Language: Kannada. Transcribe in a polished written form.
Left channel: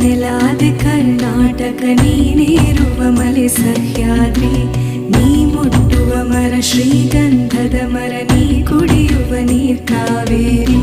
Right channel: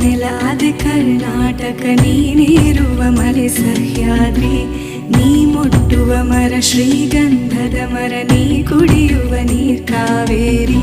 ನೆಲಾದೆ ಕರ್ನಾಟಕ ನೀನೇರುವ ಮಲೆ ಸಹ್ಯಾದ್ರಿ ನೀ ಮುಟ್ಟುವ ಮರ ಶ್ರೀಗಂಧದ ಮರ ನೀ ಕುಡಿಯುವ ನೀರ್ ಕಾವೇರಿ